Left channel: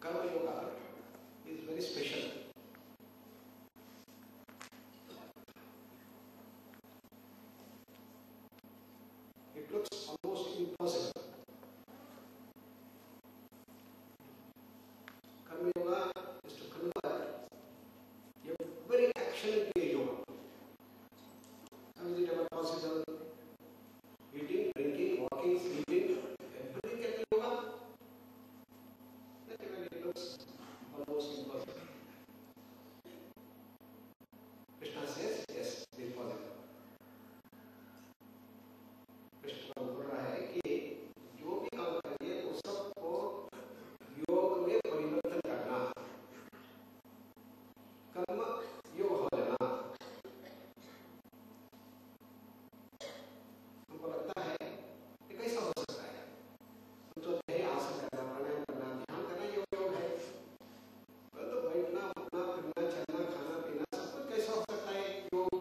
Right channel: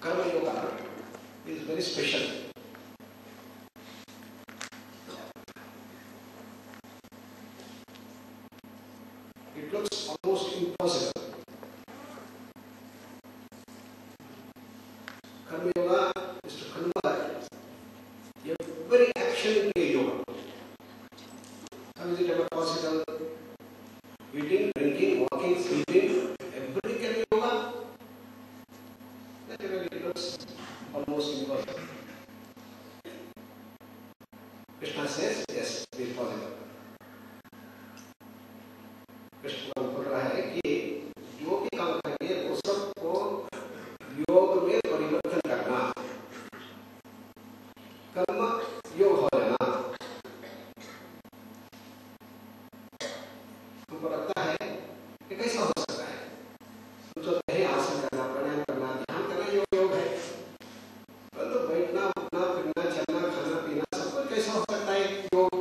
Karma Yoga is very special. It looks almost impossible. Karma Yoga is to convert every action into a yoga. How is it ever possible? Eating, drinking, walking, sleeping, everything can be yoga? That really looks almost impossible. Krishna says, yes, it is possible. Krishna बोल रहा है कि जो भी काम करेंगे वो सबको योग में परिवर्तन करना, कर्म योग हो जाना। हमको लगता है कि कैसा हो सकता है? हम तो कहीं आसन करना, प्राणायाम करना, ध्यान करना योग है, परंतु बैठना, उठना, फिरना, चलना, खाना पीना सब कुछ कैसा हो सकता है योग?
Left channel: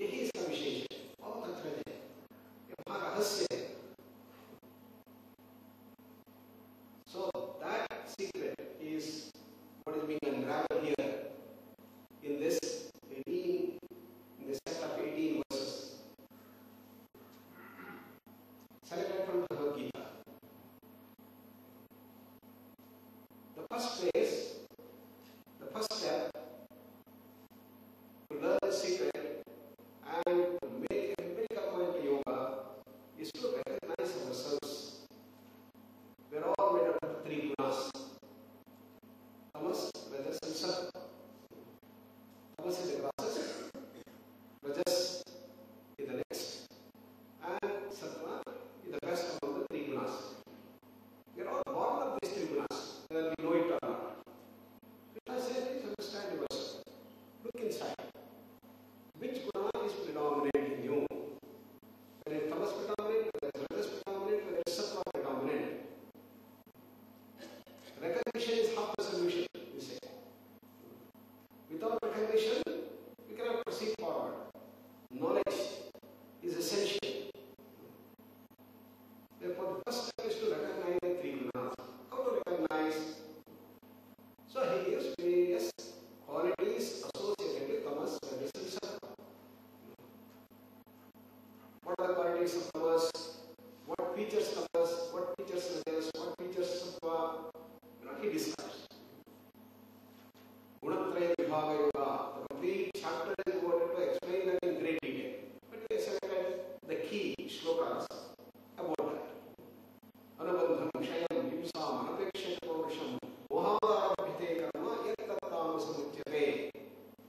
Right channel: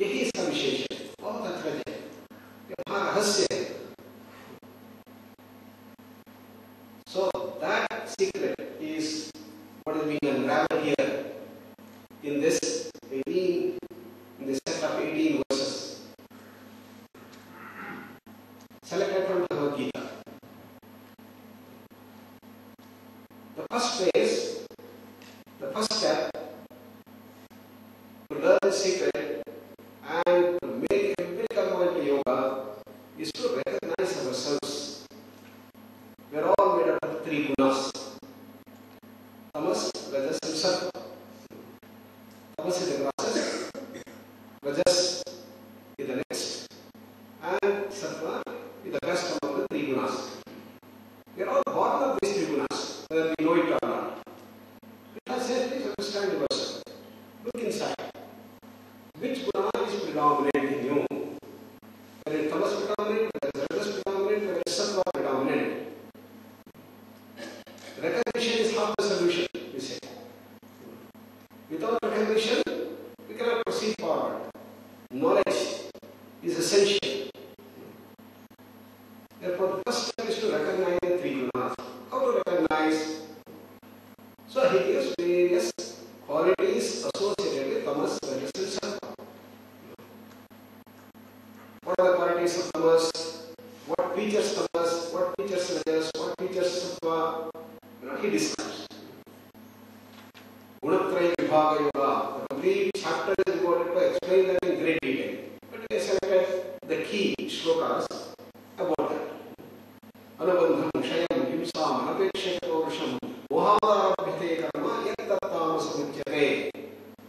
यही इसका विशेष है, बहुत अद्भुत है, ये रहस्य है। So that secret is what is being unraveled here in this 18, in this set of 18 verses selected from Bhagavad Gita. The first phase, the first step to learn the secret and to make every karma into yoga is to recognize ourselves. We are all made up of three gunas: tamas, rajas, and sattva. Tamas is the process, rajas is the next, and sattva is the best among the three gunas. We are all born of these three gunas, whether we know it or not. Krishna says, please understand yourself. Look inside. Which guna is predominant in you? Whether is tamas predominant, whether is rajas predominant, whether is sattva predominant. Recognition is half the solution, we say. Without recognition, we cannot proceed forward. Knowledge is essential. Therefore, the first step is to recognize the three gunas. How to recognize? So he gives various qualities associated with tamas, rajas, and sattva. What are the qualities of tamas? What features tamas? What features rajas? What features sattva? He describes. Gunatraya Vibhaga Yoga. The complete chapter is devoted to explain that in great detail. But we selected the key shlokas about that. Anubandham, Kshayam, Himsam, Anapekshata Varusham, Mohavarabhite Karma, Yattattama Samuchyate.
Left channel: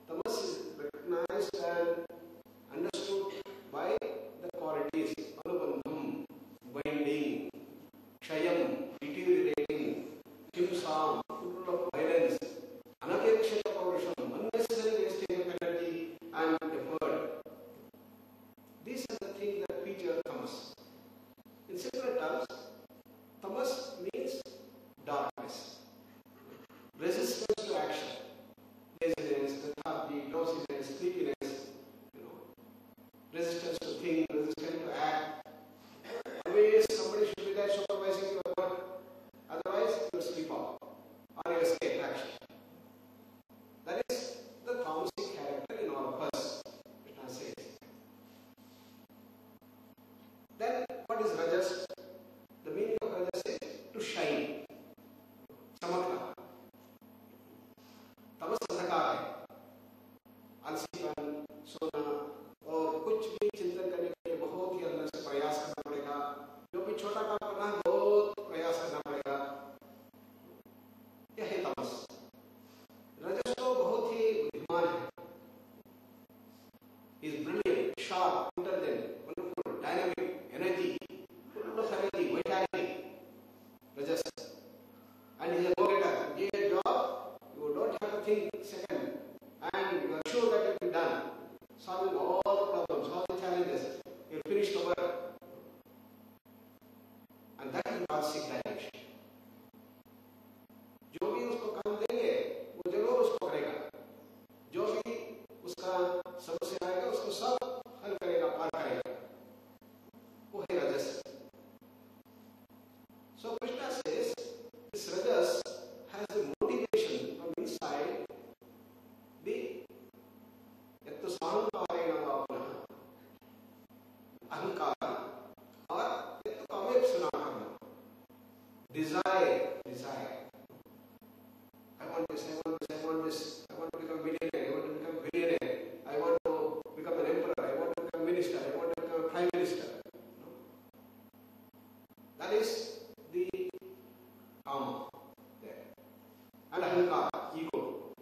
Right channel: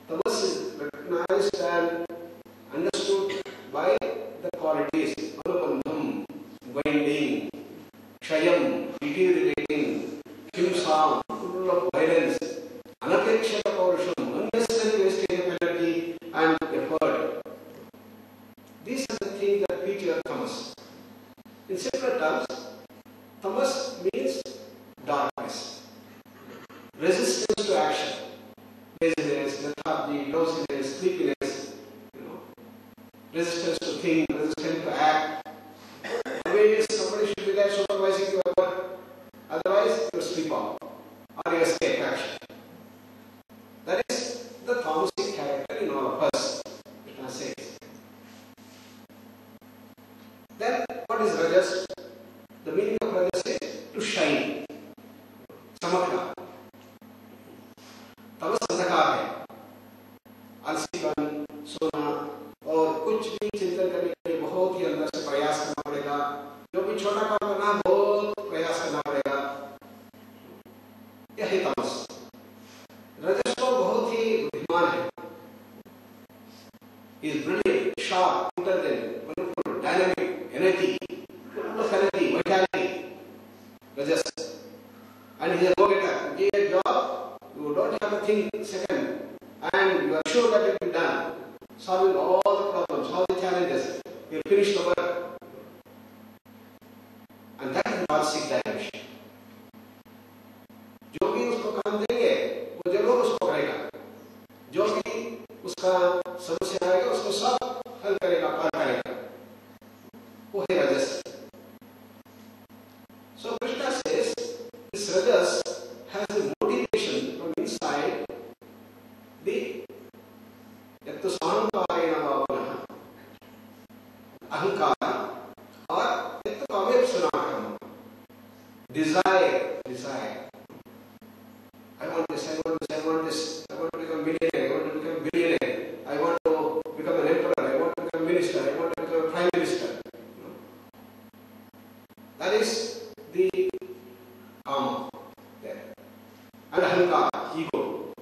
Tamas is recognized and understood by the qualities Anubandham, binding, Kshayam, deteriorating, Himsam, full of violence, Anapekshata Paurusham, unnecessary wastage of energy and effort. These are the things that feature tamas. In simpler terms, tamas means darkness, resistance to action, laziness, lethargy, drowsiness, sleepiness, resistance to think, resistance to act. Always somebody should be there supervising your work. Otherwise, you sleep off or you escape action. That is the tamasic character in all of us, Krishna says. Then, what is rajas? The meaning of rajas is to shine. Samakna. Tamas अंधकार है, आलसीपन, सोना और कुछ भी चिंतन करने के लिए बहुत ही अंदर से प्रयास करना पड़ेगा. जो भी छोटा काम करना बहुत प्रयास करना पड़ेगा. यह है तामस. रजस तो बहुत ही बुद्धिमान है. He is brilliant, sharp, intelligent, wonderful, dynamic, energy, full of energy, vitality. Rajas. And he is a go-getter. Give a job, you don't have to think second, and you are sure that it will be done. Solving all the problems, all the challenges. You finish the work. And that is Marsic direction. जो भी उसको काम देंगे वो जरूर उसको करेगा. जो भी उसका समस्या आएगा उसको सब हल करेगा, पार करेगा. वो है रजस. So अहंकार, और एक तो काव्य सुना कर्म, Dzire, I want this, I want this, I want this, I want to become millionaire, I want to become billionaire, I want to become an emperor, I want to become a minister, I want to become a prime minister. That is the kama. Yeah. And ahankar, ego.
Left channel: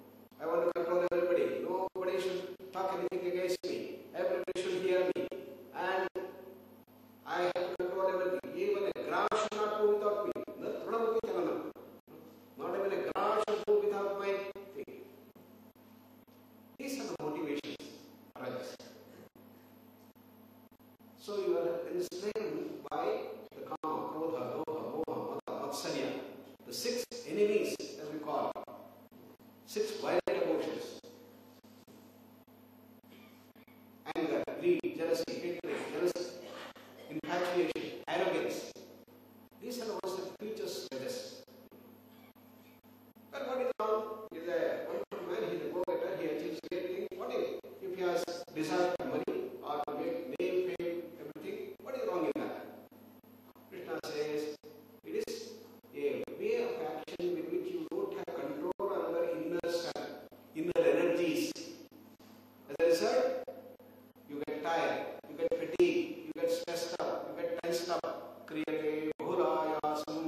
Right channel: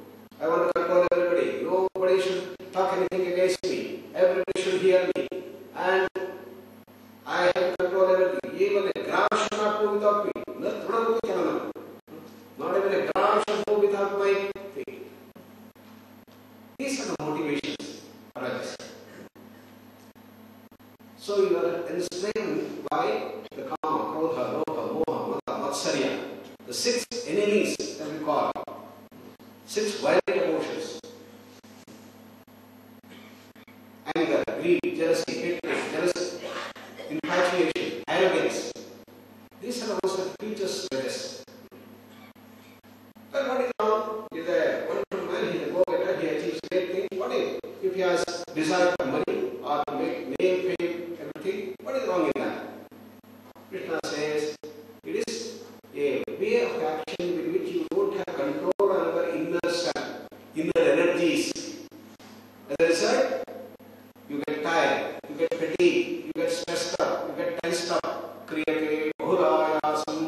I want to control everybody. Nobody should talk anything against me. Everybody should hear me. And I have to control everything. Even a ground should not move without me. Not even a ground should move without my feet. These are the motivations for us. So you are enslaved by the kama, krodha, lobha, moha, mada, matsarya. The 6 enemies that we call. 6 violent emotions. Anger, greed, jealousy, hatred, infatuation, arrogance. These are the ones that teach us this. But what is wrong? Is a wonderful man, he is a go-getter, he achieves great things. What if he has desire for money or to make name, fame, everything? What is wrong in that? Krishna says it is a way of action with which you don't have control over inner self, inner energies. As a result, you get tired, you get fatigued, you get stressed up, you get tensed up, kriyate bahurayasam,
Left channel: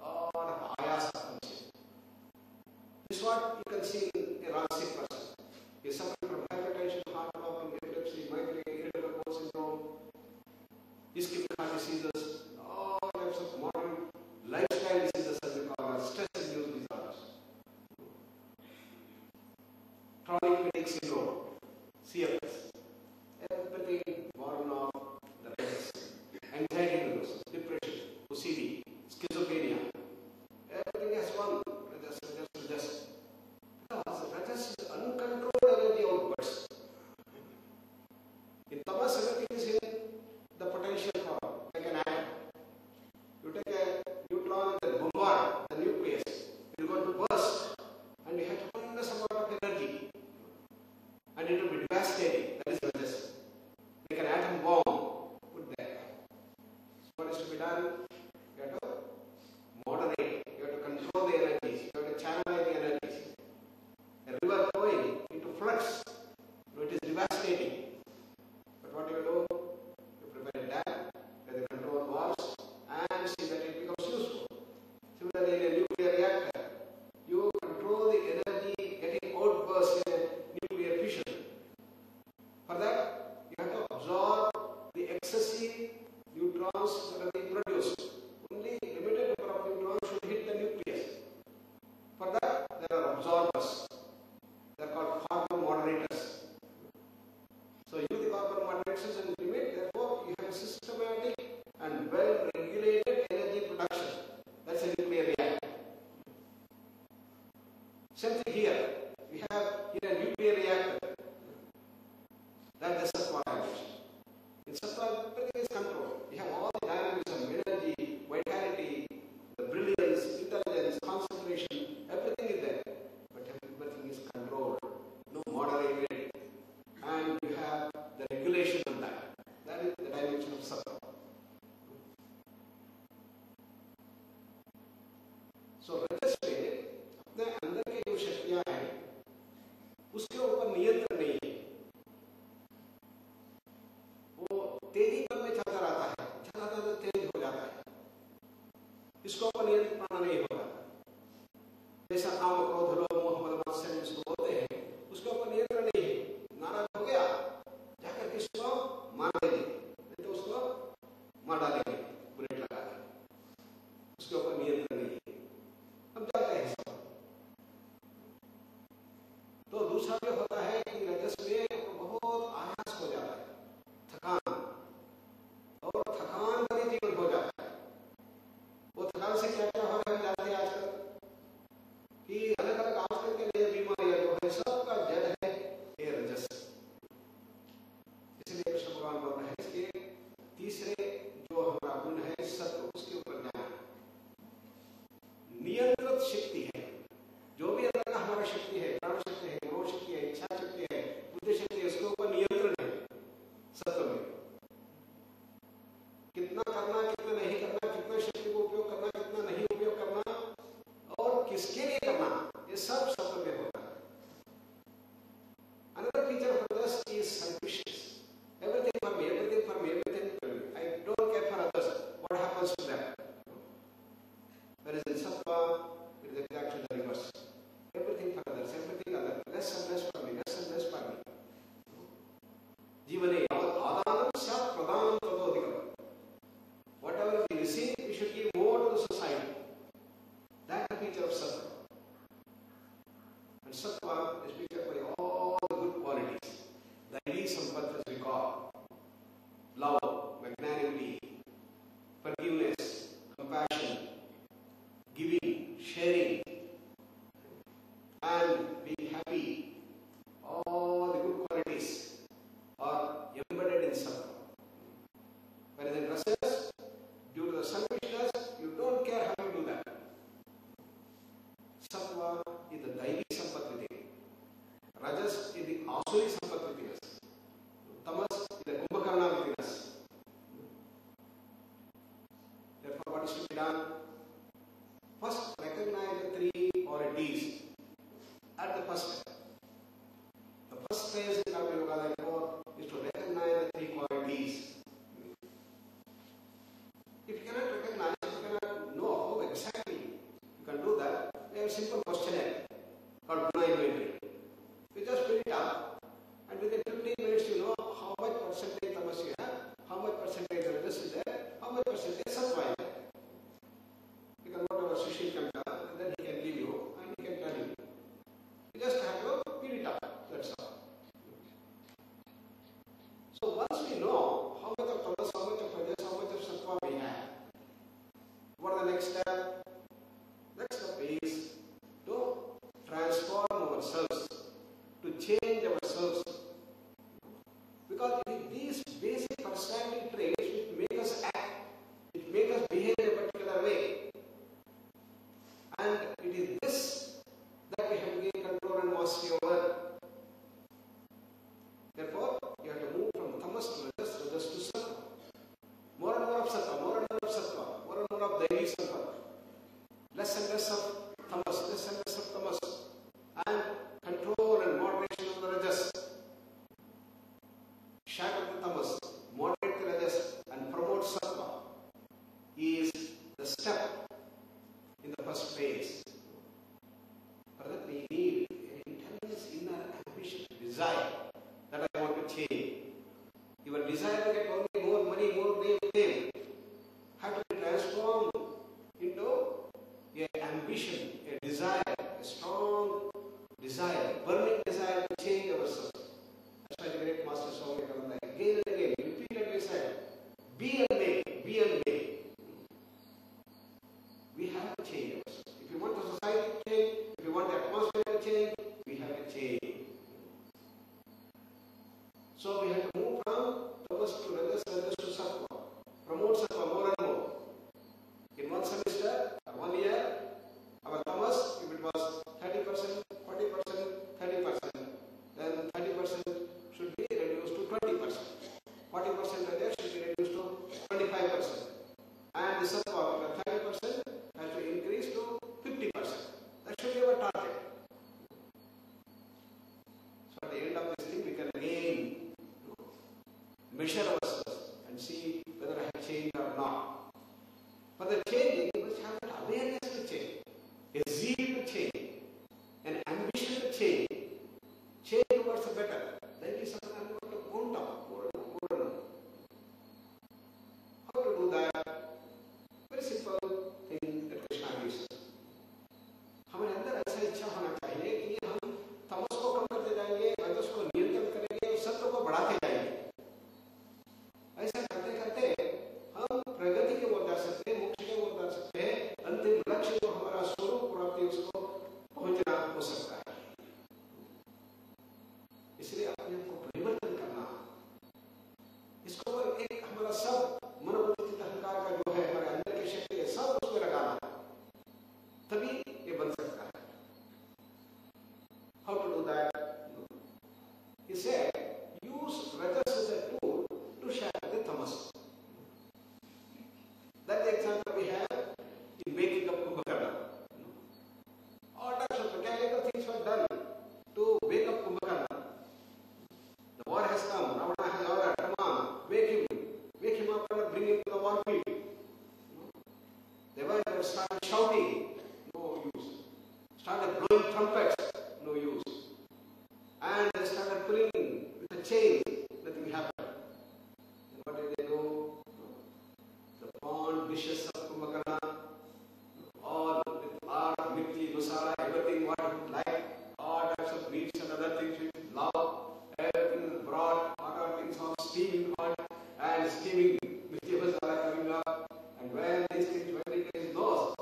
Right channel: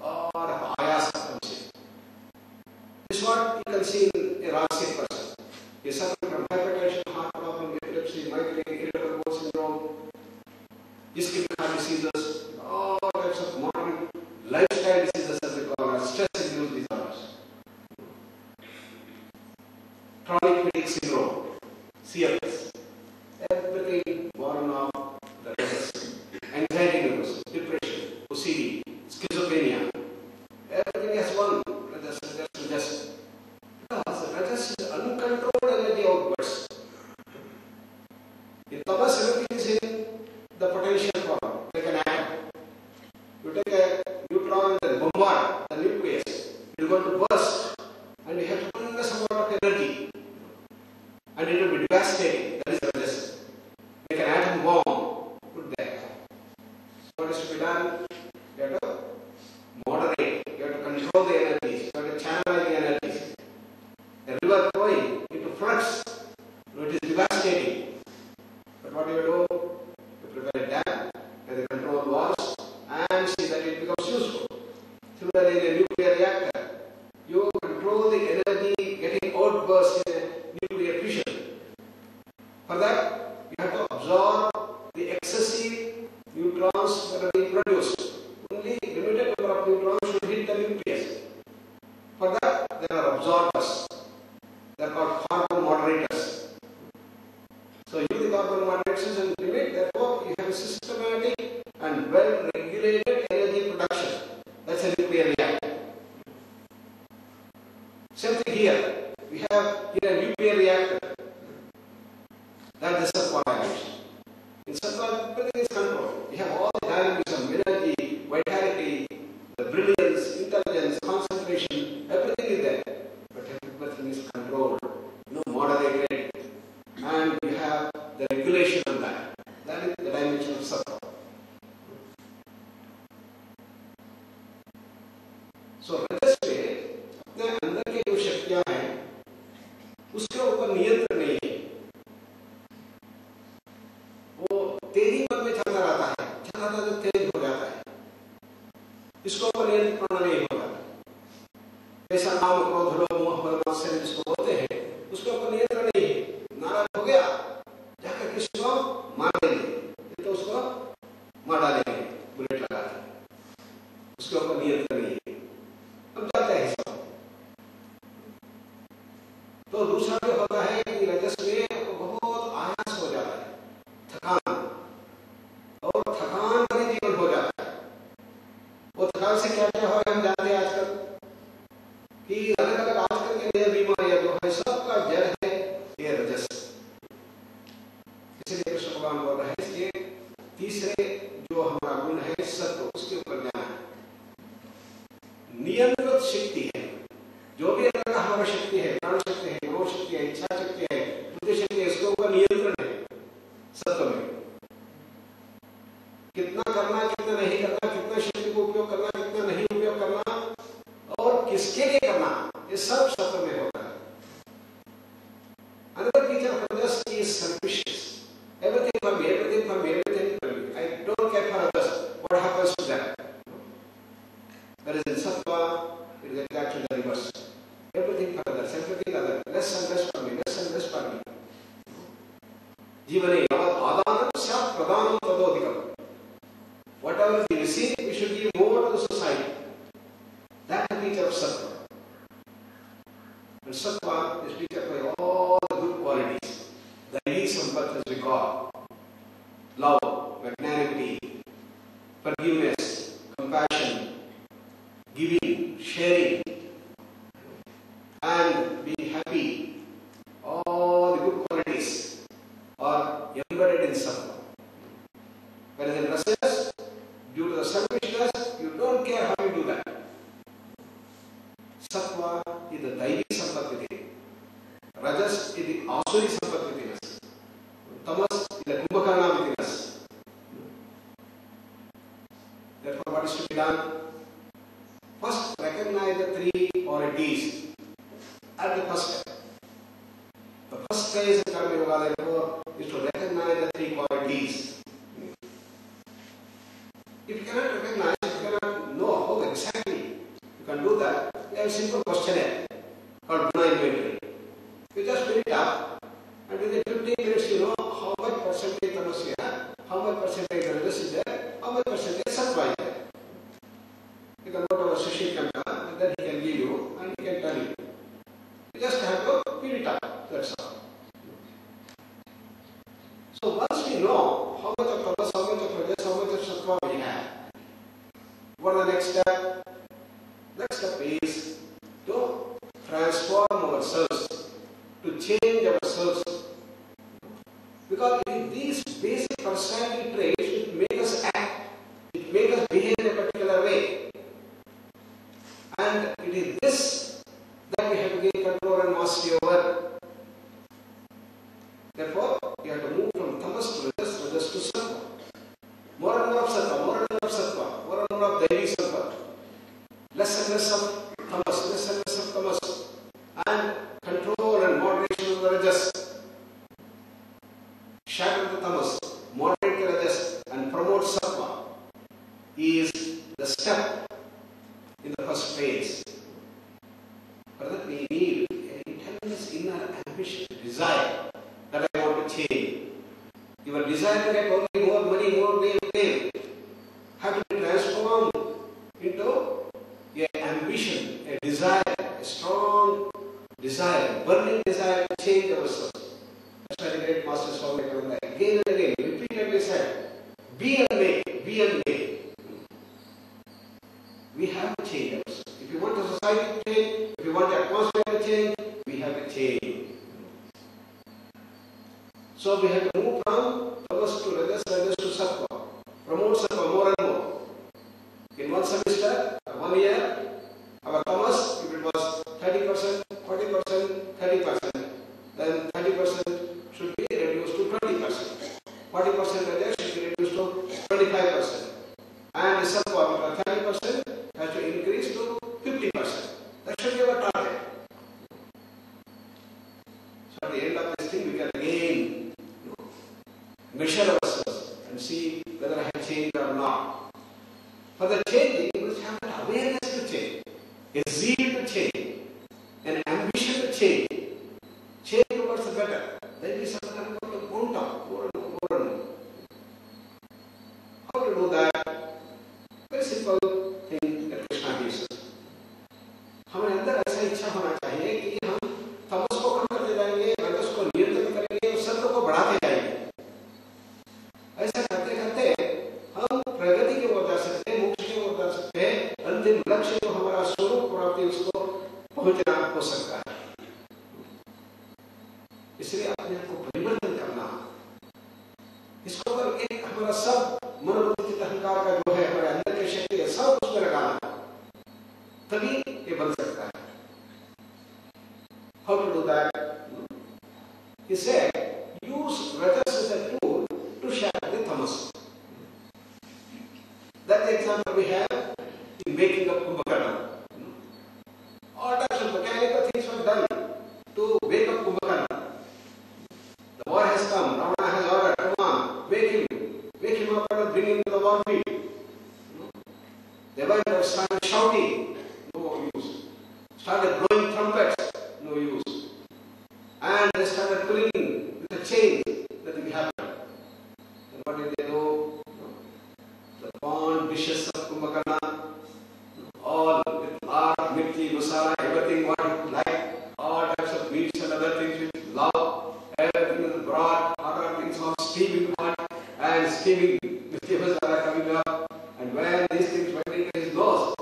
or ayasa. This is what you can see in a rasic person. He suffers from hypertension, heart problem, epilepsy, migraine, irritable bowel syndrome, ischemic heart diseases, all types of modern lifestyle diseases as we call as stress-induced disorders. Chronic fatigue syndrome, CFS, everything born of the rajas, anxiety levels, depression, OCD, schizophrenia, everything has one rajas. Because the rajas is uncontrolled energy outwards. In tamas, everything is in the potential form, like an atom. You take a neutron and bombard the nucleus, it is going to burst, and you have tremendous amount of energy, and it will be devastating. That is rajas. Make an atom bomb, put there. So what is to be done? You have to moderate, you have to control the energies, you have to channel the energies. The river flowing into floods, it is devastating. But what do? You prepare a dam and the control walls and see that it becomes useful. Similarly, in a nuclear reactor, you control the energy getting outburst in a nuclear fission. For that, you have to absorb the excessive neutrons that are being produced. Only limited number of neutrons should hit the nucleus. For that, there are absorbers. They are called carbon moderators. So use the carbon moderators and limit. Therefore, you have a systematic and well-regulated energy production. That's a nuclear reactor. Same thing here. We have here a nuclear reactor. That is the formation. In Sattva, everything is controlled. We have all the dynamism, energy, vitality, the brilliance, intelligence, concentration, everything is there. But everything is controlled, moderated, and you have the regulation of that. That is the dimension of Sattva. So rajas पे अपने अंदर की जो शक्तियां हैं, उसके ऊपर नियंत्रण नहीं है. वो तेजी में चलता रहता है, चलता तो तेज हो जाता है. इसको ऊपर नियंत्रण नहीं होगा. ऐसा काम क्रोध लोभ मोह बल मात्सर्य जिसको बोलते हैं, उसके ऊपर नियंत्रण नहीं है. नाराज हो गया, जाकर किसको मार देंगे, तो उसको मार डालेंगे, बुलेट लगा के. उसके ऊपर नियंत्रण नहीं है. हम जाते हैं सब. तो दूसरा जो होता है कि रजस में बहुत आयास हो जाता है, थकान, और थकान भरे जीवन हो जाता है. वो थकान से क्या क्या हो रहा है हम जानते हैं आजकल कि अलग अलग आजकल के नए बीमारियां जो है सबका जड़ है ये रजस. इसलिए कृष्ण भगवान बोल रहे हैं for me, everything for me, everything for me. I don't care for others. What happens to them? Whereas in Sattva, it is exactly the reverse. Everything for others, everything other. Less and less for me, less and less for me. Jivane yavat adanam syat pradhanam tadodikam. Whatever we receive, we should give more to the society. That is the picture of Sattva. And Sattva is pictured by all the good qualities. Daivi Sampath as we call. Love, magnanimity, forgiveness, compassion, giving, sharing, and being happy. All the good qualities are embedded in Sattva. Whereas in Rajas, due to the selfishness, you don't care how you do that. Sattva is the Daivi Sampath. Rajas is the Asuri Sampath. Tamas is the Kumbhakarna within us. Therefore, what is to be done? First, recognize the three qualities at the first step. The first phase in Karma Yoga, therefore, is to recognize the three qualities. If you cannot recognize, if you cannot know how exactly you can do that, we have a simple questionnaire called Guna Inventory. You just fill it up, and within 15 minutes you know how much percentage tamas you have, how much percentage rajas is there, how much percentage sattva is there. You can go to our Sushil Kanta, and then he can give you, and he can tell you. You just have to fill it up, that's all. So once we know how much of tamas, how much of rajas, how much of sattva we have, what are the next step? Next step is to transform ourselves, to change ourselves. Because it is these basic personality traits which make us act, which make us behave in a particular way. And it is this that we have to gain control and mastery over. Therefore, you have to move from tamas to rajas, rajas to sattva. More and more of sattva, more and more of sattva, more and more of Daivi Sattva. Less and less of tamas, less and less of tamas. And control and moderation of the rajas. Shatter the tamas, moderate the rajas, and promote sattva is the step in the first phase. For that we need an intense inner ambition, desire that I want to change. Your desire to get only more money, more fame, have to be transformed into an ambition, a desire, a strong desire, burning desire to change ourselves. That's why the great Master Swami Vivekananda again and again repeatedly said, be and make, be and make. We have to change ourselves. If you want the society to change, if you want the atmosphere to change, we have to change. So we have to move from tamas to rajas, rajas to sattva. Promote sattva more and more. In one semester, 1 year, our tamas, if it was 30%, 40%, 30%, then 30% should be reduced to 20%. 40% rajas should be reduced to 25%. And the sattva, 30%, has to increase to 50%. That should be our target. So at the end of this thing, we can again measure ourselves and see whether I have changed or not. For the changing, we must have an awareness to change, a zeal to change, an ambition to change. Change towards the better. Then we start to go down, more and more and more. How to do that? Very simple thing that Krishna gives us. हमारे अंदर ऐसा इच्छा होना चाहिए कि हम तमस को कम करते जाएंगे, रजस को नियंत्रित करेंगे और सत्व को बढ़ाते जाएंगे. ऐसा करते करते हम प्रगति की ओर जा सकते हैं, मोक्ष की ओर जा सकते हैं. अंतिम लक्ष्य जो हमारा स्वरूप प्राप्ति उसको पहुंचना हो सकता है. इसलिए अपने आप को परिवर्तन करना, इसको पर एक हमारा सब मनोवृत्ति अहंकार का जो है हमारे अंदर की शक्ति है सब उसमें लगाना, तभी ये बन सकता है. How to do that? He said, use rajas as a tool to shatter the tamas. That example we have in making up Kumbhakarna. All types of mechanical things were done to make up Kumbhakarna. The war has come, Ravana has ordered, come on, what did they do? The pond dishes of Kumbhakarna, all with art, mirchi, masala, everything what you like, all types of meats and other things which you love, everything is brought, other things on steaming hot, and steaming vegetables are coming up, and when these things went into his nose,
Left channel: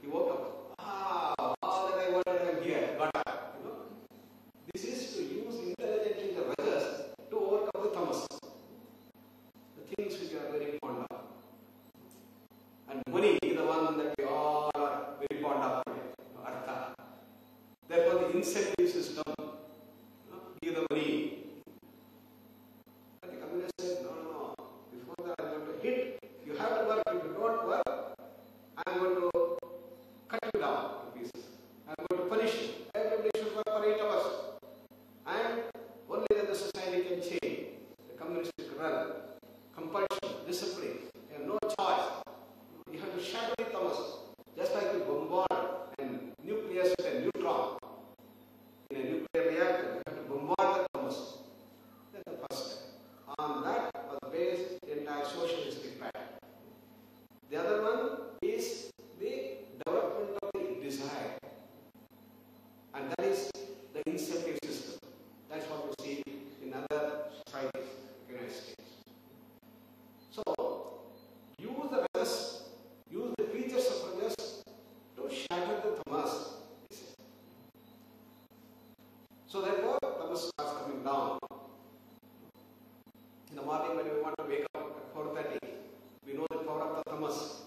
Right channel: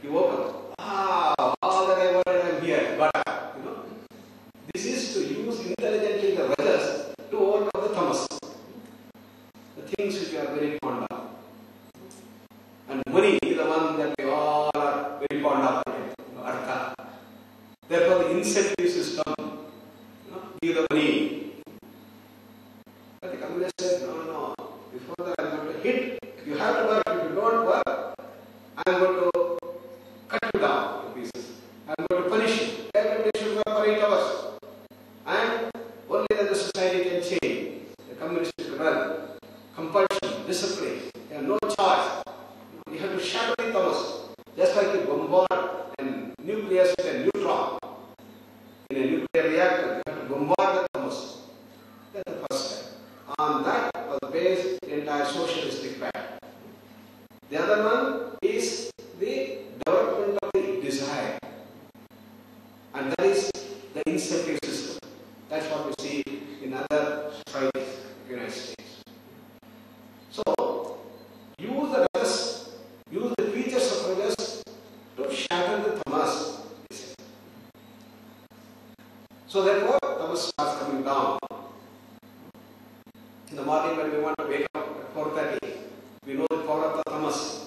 he woke up. All that I wanted, I'm here, got up, This is to use intelligently the rajas to overcome the tamas, the things which you are very fond of. And money is the one that we all are very fond of, artha. Therefore, the incentive system, give the money. But the communist said, no. Before that, I'm going to hit. You have to work. If you don't work, I'm going to cut you down to pieces. I'm going to punish you. Everybody should work for 8 hours. And only then the society can change. The communistic run, compulsion, discipline. You have no choice. You have to shatter the tamas. Just like you bombard and nucleus with a neutron in a nuclear reactor, you have to bombard the tamas. That's the first step. On that was based the entire socialistic pattern. The other one is the development of the desire. And that is the incentive system. That's what we see in other societies, United States. So, use the rajas, use the features of rajas to shatter the tamas. So therefore, tamas starts coming down. In the morning when we want to wake up at 4:30, we know the power of the tamas.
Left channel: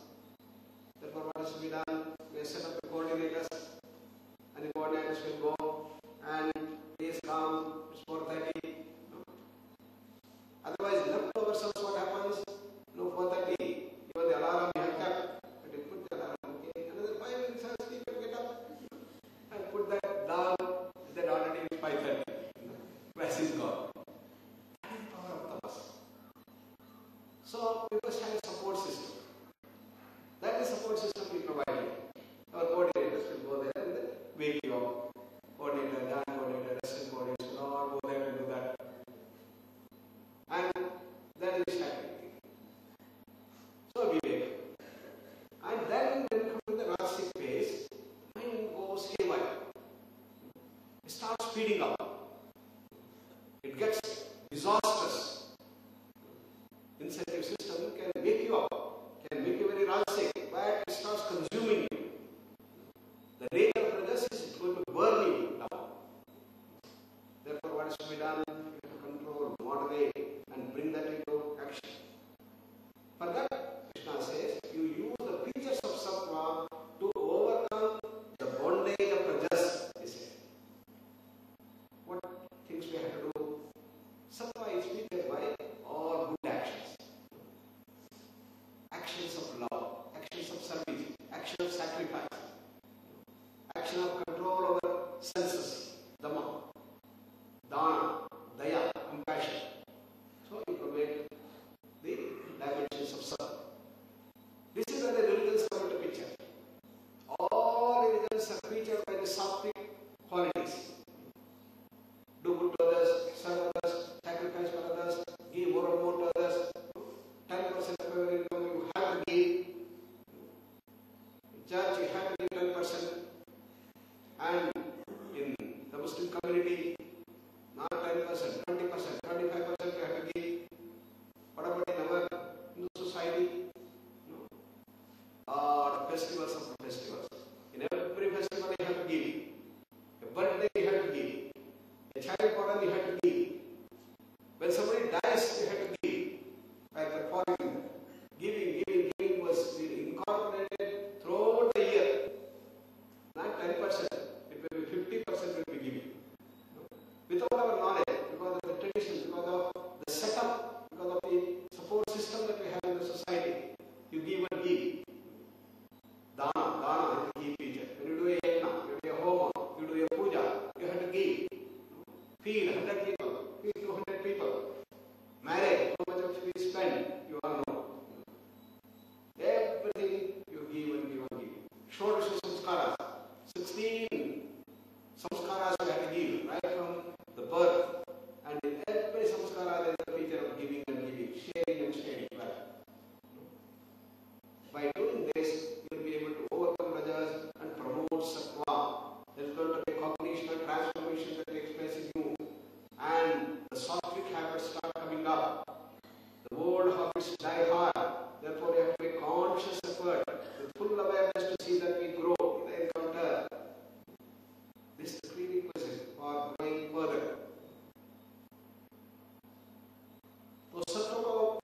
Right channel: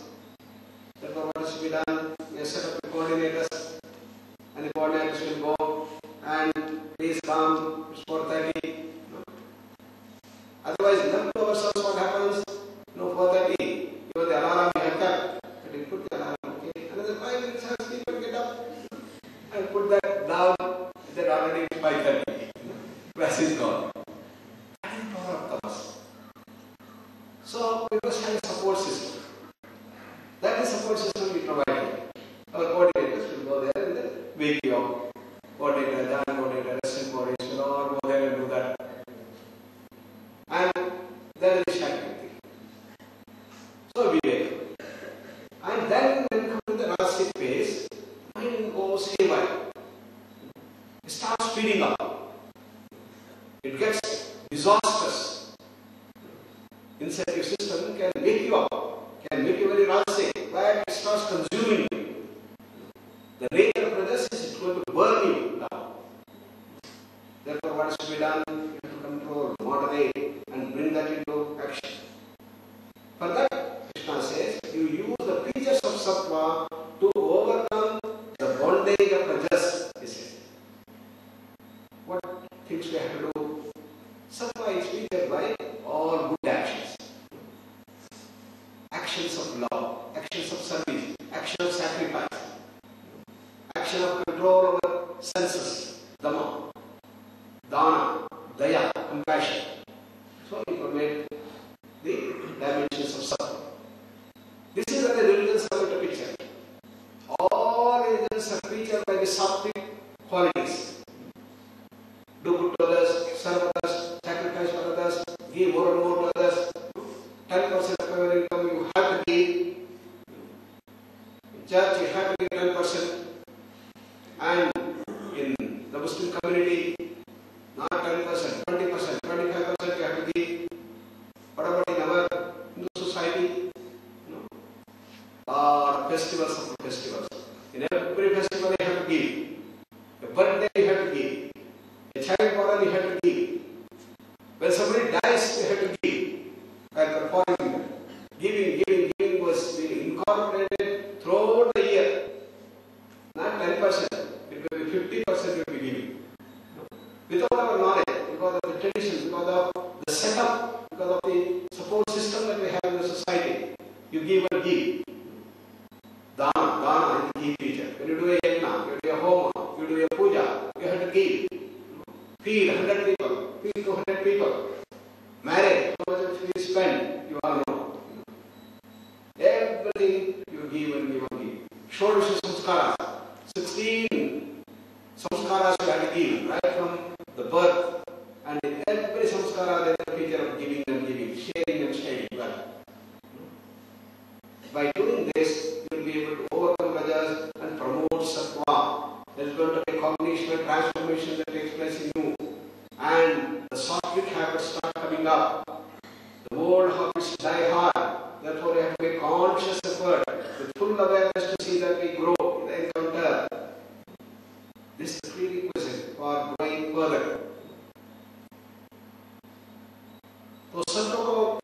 Therefore, what is to be done? We set up the coordinators, and the coordinators will go and please come, it's 4:30. Otherwise, left to ourselves, what happens? 4:30, even the alarm you have kept, but you put the alarm, okay, another 5 minutes I sleep and get up and put that down, that already is 5:30. Class is gone. That is the power of tamas. So, we must have a support system. That is support system we provide. Our coordinators will go there and then wake you up. Coordinator, Jan coordinator, assistant coordinator will all go there and do that. And that is shattering thing. So we wake up. And then when we come to the rajasic phase, mind goes haywire. It starts speeding up. It gets disastrous. Incentive system can wake you up, can make you very rajasic, but it starts consuming you. The nature of rajas is going to burn you down. Therefore, what is to be done? You have to control, moderate, and bring that into action. For that, Krishna says, you use the features of sattva to overcome the bondage of rajas, he says. What things we have to do? Sattva is featured by all good actions. Actions of love, actions of service, action of sacrifice, action of control over senses, dhamma, dana, daya, compassion. So he permit the dimensions of sattva. This is what the religions have to picture. All religions are featured by the sattvic qualities. Do good to others, serve others, sacrifice for others, give more and more to others. 10% of your income you have to give. In church you have to give 10%. And in the Muslim community, not 10%, 20%, 25% you have to give. What about in our Hindu society? Festivals of festivals. In every festival you have to give. A birthday you have to give. A child born you have to give. When somebody dies you have to give. By performing that. Giving was being incorporated throughout the year. Not 10%. It will be 50% will be giving. Without our knowledge, because of the tradition, because of the setup, because of the support system that we have in the society, you give and give. Dana is the key feature. When you do a yajna, you do a homa, you do a puja, you have to give. Feed 100 people, feed 200 people. Marriage, how much of you spend? You By doing this, you will be able to overcome rajas and promote sattva. There is going to be cognition transformation that takes place in you, and the sattvic habits start coming up. The old habits die hard. Therefore, you have to make conscious effort with full awareness to see that we grow in the encounter. This is the prerequisite for growing further. तो सत्व को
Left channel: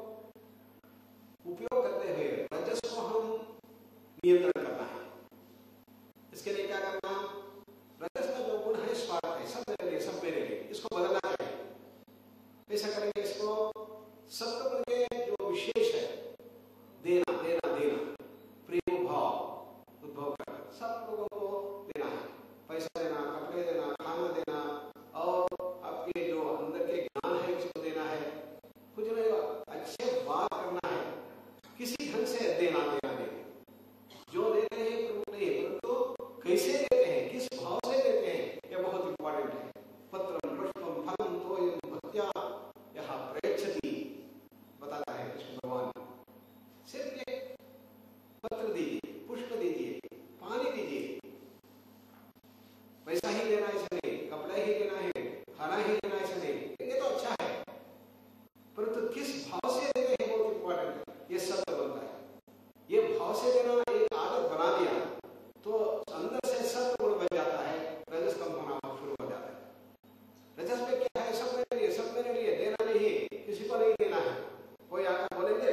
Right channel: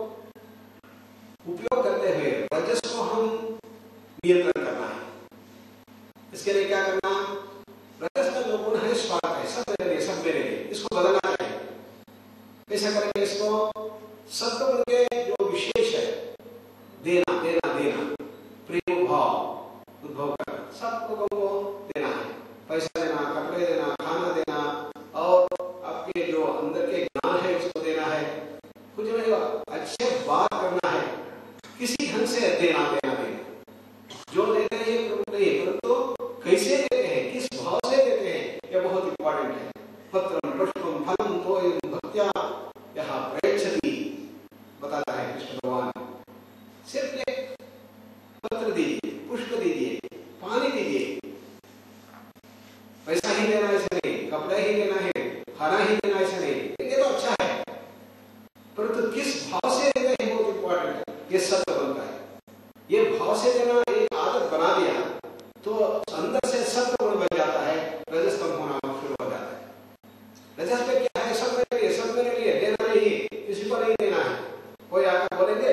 उपयोग करते हुए रजस को हम नियंत्रण करना है. इसके लिए क्या करना? रजस का जो गुण है स्वार्थ है, सब मेरे लिए, सब मेरे लिए, इसको बदलना चाहिए. कैसे करेंगे इसको? सत्व गुण के जो विशेष है, देना देना देना, प्रेम भाव उद्भव करना, सब लोगों को देना है. पैसा देना, कपड़े देना, खाना देना, और आपके जो अंदर के ज्ञान है उसको देना है. कुछ नहीं, अच्छे बात करना है, किसी ढंग से देना देना देना. जो देते हैं नहीं, परंतु कैसे देते हैं, किस भाव से देते हैं, यह बहुत इंपॉर्टेंट है. पत्रम पुष्पम फलम तोयम भक्त्या यह प्रयच्छति बताता है कृष्ण भगवान. सिर्फ एक पत्र दीजिए, पुष्प दीजिए, पानी दीजिए. पैसा ही देना ऐसे नहीं, कपड़ा ही देना है, खाना ही देना ऐसे नहीं, ये तो अच्छा है, परंतु किस भाव से देना है बहुत इंपॉर्टेंट है. ये सत्य बनता है. ये भाव से देना एक आदत बना दिया तो अंदर से सत्य गुण बन जाता है, रजस कम होना शुरू हो जाता है. रजस में क्या है? सब मेरे लिए, सब मेरे लिए, देना नहीं, किसी को नहीं देना है. कोई आकर बोलेंगे,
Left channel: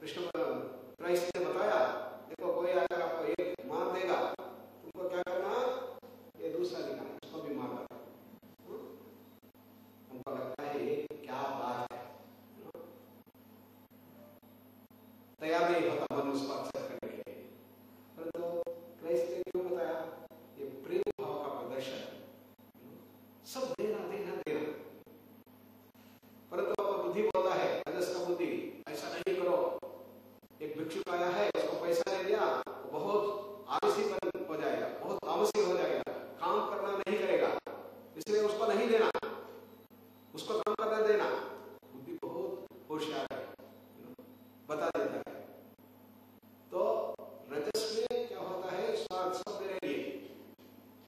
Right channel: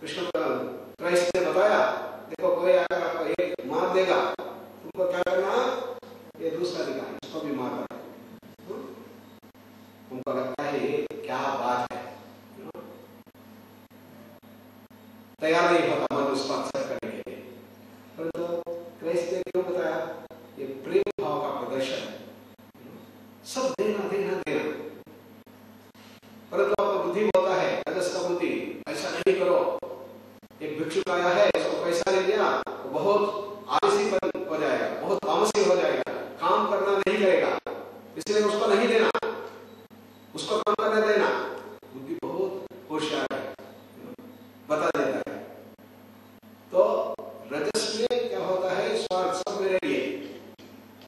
कृष्ण क्राइस्ट ने बताया, देखो कोई आकर आपको एक मार देगा, तुमको क्या करना? ये दूसरा दिखा, उसको भी मार देगा. उनको लगता है ये क्या बात है, तैयार नहीं होता मन उसको एक्सेप्ट करने के लिए. परंतु क्राइस्ट ने क्यों बताया? ये प्रेम भाव का प्रदर्शन है. सब देना देना देना. परंतु आपका बुद्धि बोलता है, रजस का बुद्धि, ऐसा नहीं करो. एक भिक्षुक आया है, उसको पैसा ले दिया, बहुत आलसी हो जाएगा, बहुत तामसी हो जाएगा, काम करना नहीं करेगा, इसलिए उसको नहीं देना, उसको काम करने देना. बुद्धि बहुत होशियार है, बता देता है. तो रजस में क्या होता है? स्वार्थ, सब मेरे लिए,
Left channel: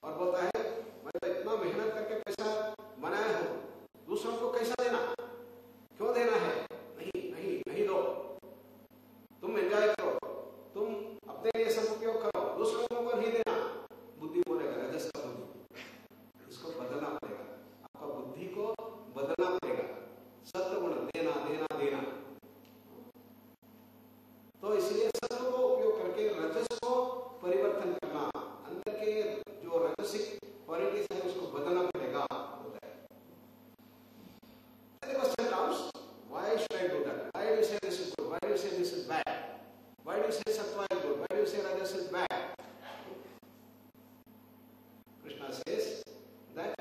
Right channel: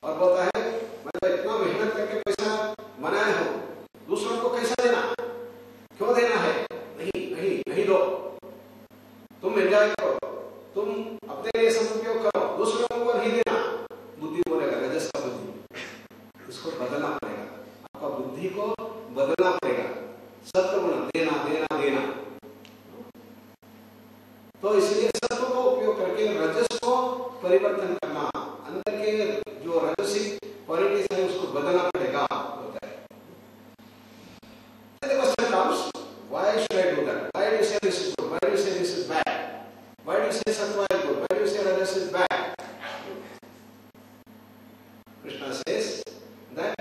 और बोलता है मैं तो इतना मेहनत करके पैसा बनाया हूं, दूसरों को कैसा देना, क्यों देना है? नहीं नहीं नहीं दो, तुम एंजॉय करो, तुम अपने लिए सब उपयोग करो, दूसरों को नहीं देना. बुद्धि बोलेगा, रजस का बुद्धि, इसको बदलना पड़ेगा. आपका बुद्धि को बदलना पड़ेगा. सत्व गुण देना देना देना. तो इसलिए सत्व का उपयोग करके रजस को परिवर्तन करना, अंदर के जो रजसिक क्वालिटीज है उसको बदलना पड़ेगा. होता है. The question comes, why should I do that? Why do you say this is good? Why do you say this is bad? Why do you say sattva is good? Why do you say rajas is bad? Krishna says that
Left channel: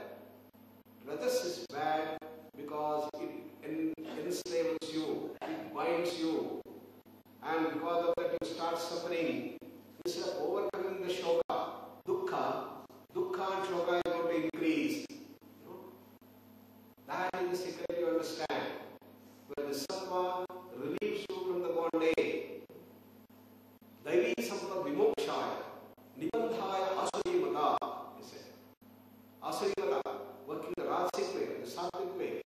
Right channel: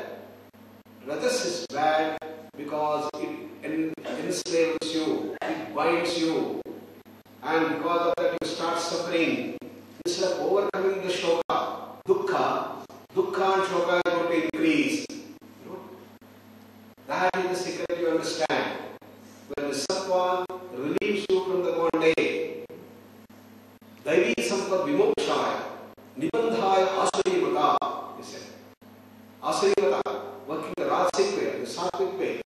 rajas is bad because it enslaves you, it binds you, and because of that you start suffering. Instead of overcoming the shoka, dukkha and shoka are going to increase. That is the secret you understand. When the sattva relieves you from the bondage, daivi sampad vimokshaya, nibandhaya asurimata, he said. Asurimata, working the rajasic way, the sattvic way.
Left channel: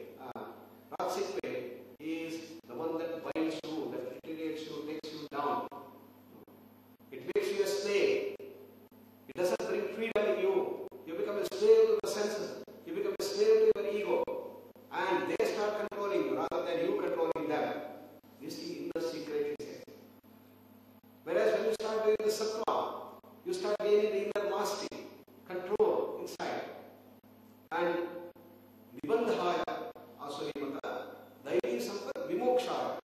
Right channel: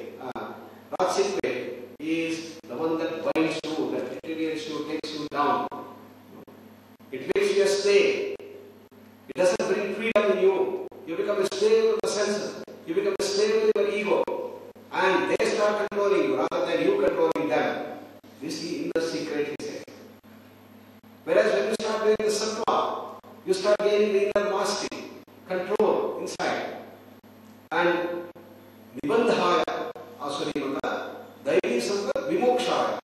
Rajasic way is the one that binds you, that deteriorates you, takes you down. It makes you a slave. It doesn't bring freedom in you. You become a slave to the senses. You become a slave to your ego. And they start controlling you rather than you controlling them. This is the inner secret, he said. Whereas when you start doing the sattva, you start gaining the inner mastery, control inside. And nibandhaya asurimata, daivi sampad vimokshaya.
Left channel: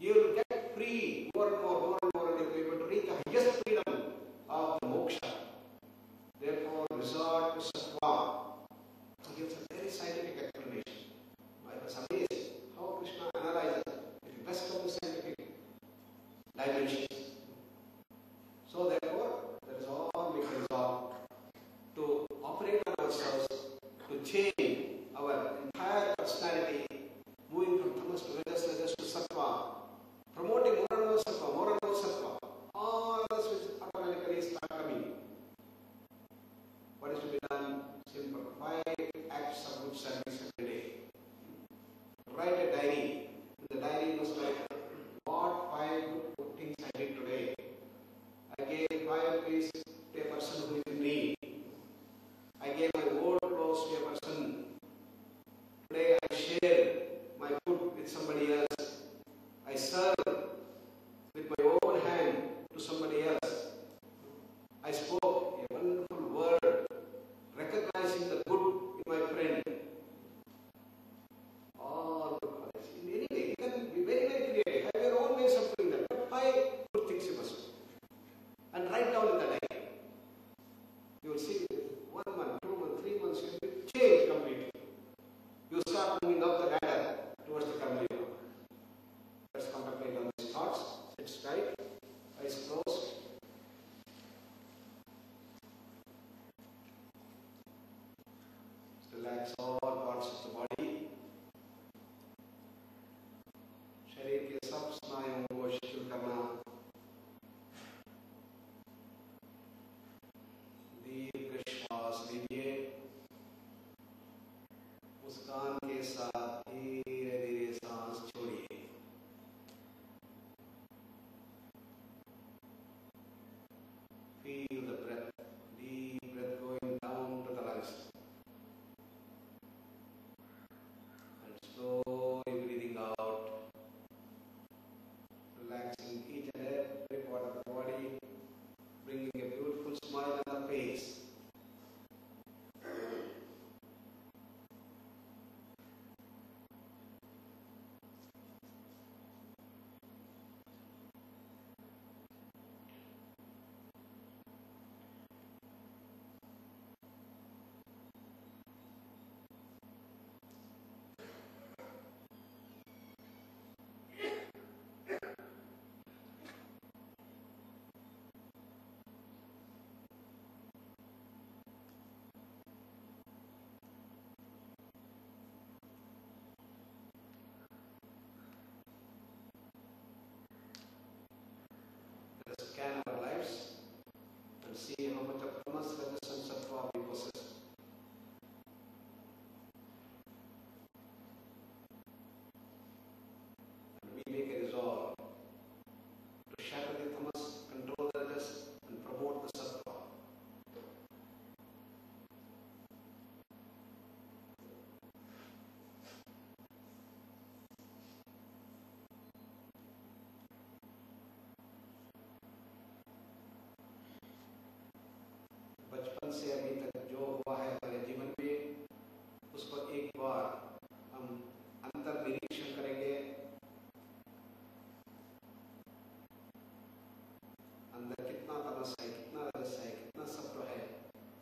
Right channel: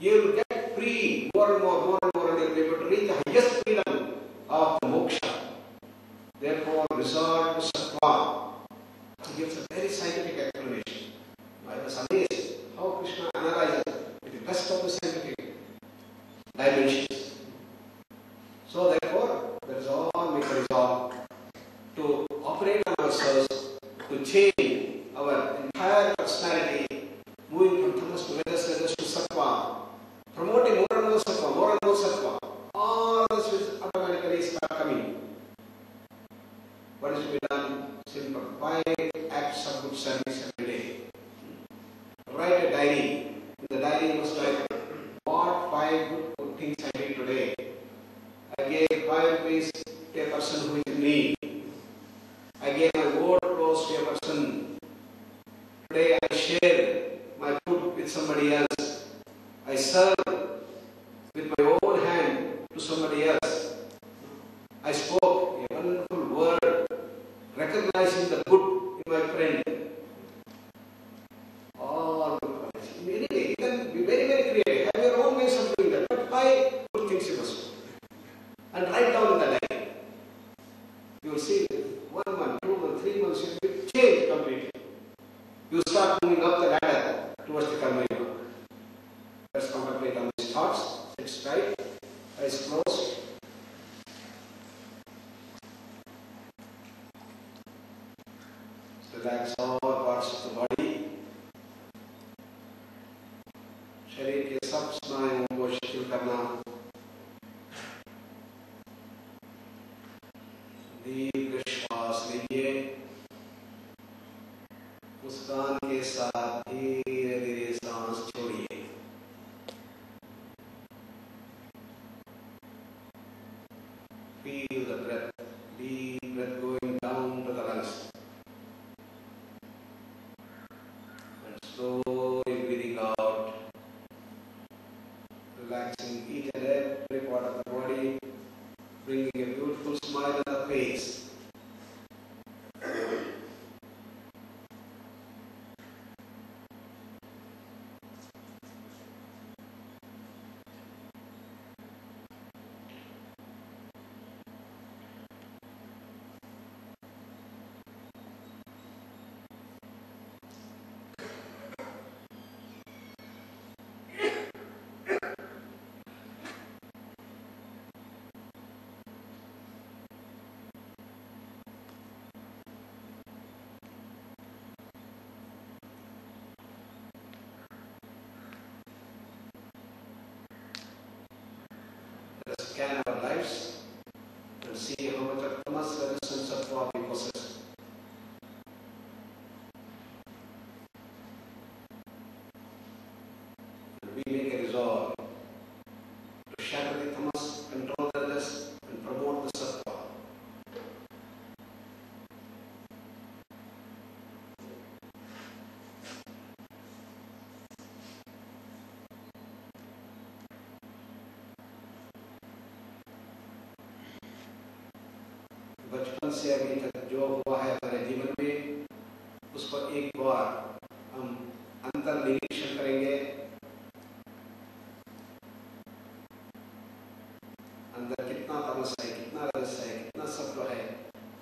You will get free more and more, and you will be able to reach the highest freedom of the moksha. Therefore, resort to sattva. He gives a very scientific explanation. I was amazed how Krishna analyzes with the best of the scientific dimensions. So therefore, there is all make a resolve to operate on ourselves, to change our entire personality, moving from tamas to rajas to sattva, promoting more and more sattva, more and more sattva. I serve with my own hand to somebody else. I spoke a wonderful word, recognizing the good in my friend. All the qualities. Anyway, you can be very, very creative. Have your own ways of doing that. But five good things you must do. And write down in the diary. You will see 1 month, 2 months, 3 months, you will change completely. You start moving up the ladder towards the Karma Yoga. Let's contemplate on these thoughts. Sit straight, eyes closed. Relax all parts of the body. शरीर के सब स्नायुओं को शिथिल करना. दीर्घ श्वास लीजिए. मुस्कान के साथ धीरे धीरे सांस छोड़िए. Feel the breath, deep breath going down to the lungs. And slowly breathing out, relaxing each and every part of the body, bringing a beautiful smile on the face. Let us scan our lives and see how much of tamas, rajas and sattva we possess. And we make a resolve to shatter the tamas, control the rajas and promote the sattva. बचपन से अभी तक जो हुआ है हमारे जीवन में, उसको एक बार हम अंतर निरीक्षण करेंगे. अंदर कितना तमस है, कितना रजस है, कितना सत्व है,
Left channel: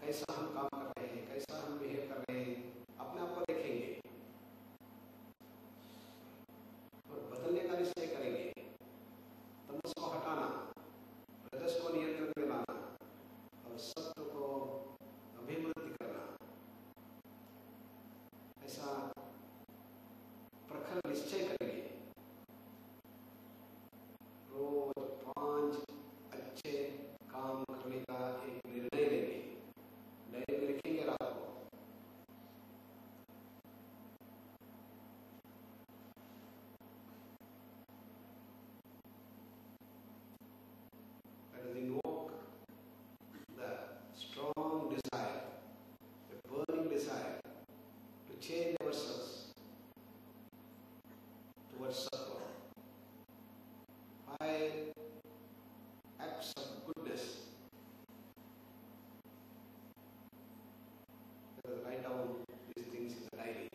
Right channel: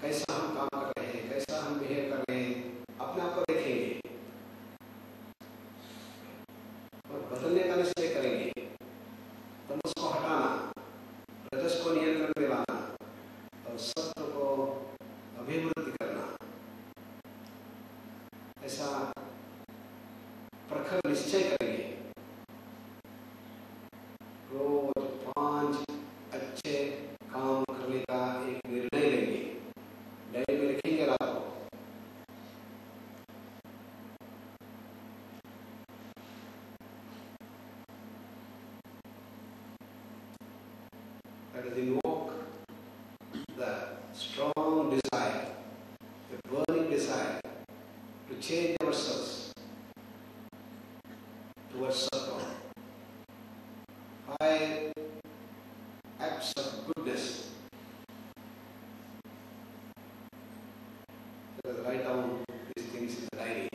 कैसा हम काम कर रहे हैं, कैसा हम बिहेव कर रहे हैं, अपने आप को देखेंगे और बदलने का निश्चय करेंगे. तमस को हटाना, रजस को नियंत्रण में लाना और सत्व को अभिवृद्धि करना. ऐसा प्रखर निश्चय करेंगे. रोज 5 अच्छे काम करने का एक निर्णय लेंगे. डायरी में लिखेंगे रात को. That is invoke the strong desire, the burning desire to change ourselves towards sattva. 5 acts of goodness. Let us write down these things in the diary.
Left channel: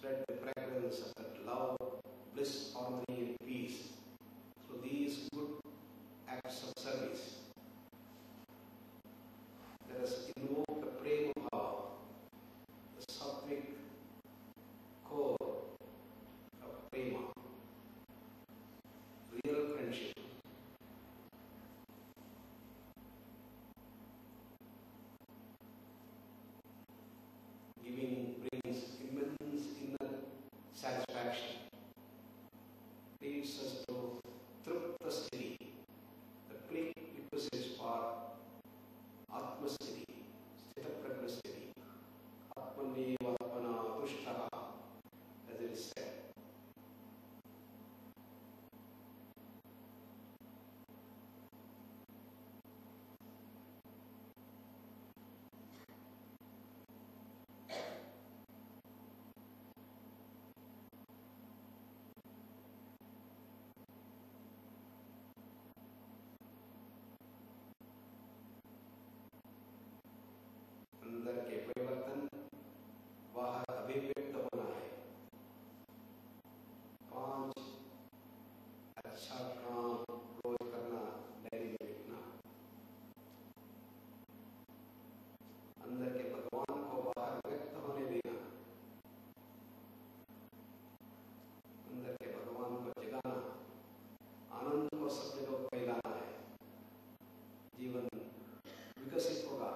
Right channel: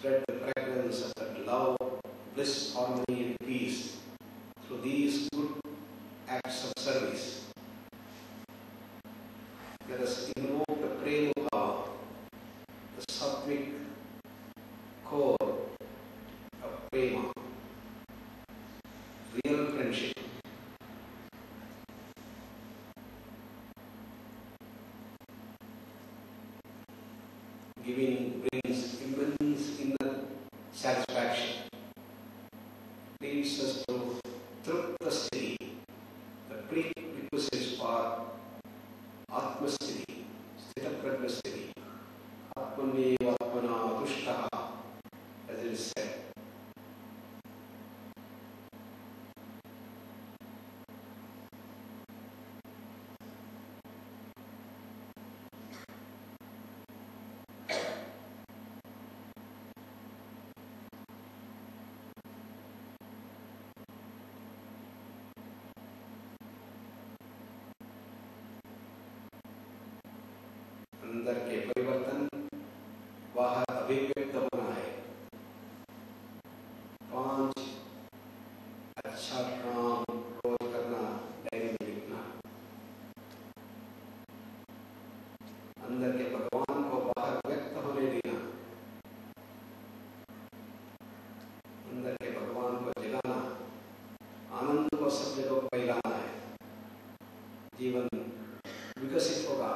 Spread the fragrance of that love, bliss, harmony and peace through these good acts of service. Let us invoke the prema bhava, the sattvic core of prema, real friendship. Giving brings immense inner satisfaction. leads us to Trupta Sthiti, the prerequisites for Atma Sthiti, Sthita Prajna Sthiti, Atmaneva Atmana Tushtaha, as it is said. अंदर के परिवर्तन बाहर अभिव्यक्त होना है। 5 अच्छा काम रोज करना, डायरी में लिखना, अंदर के भगवान को बाहर व्यक्त होने देना, अंदर के भगवान को जगाना, आनंद को सब जगह फैलाना है। जीवन विकसित होगा।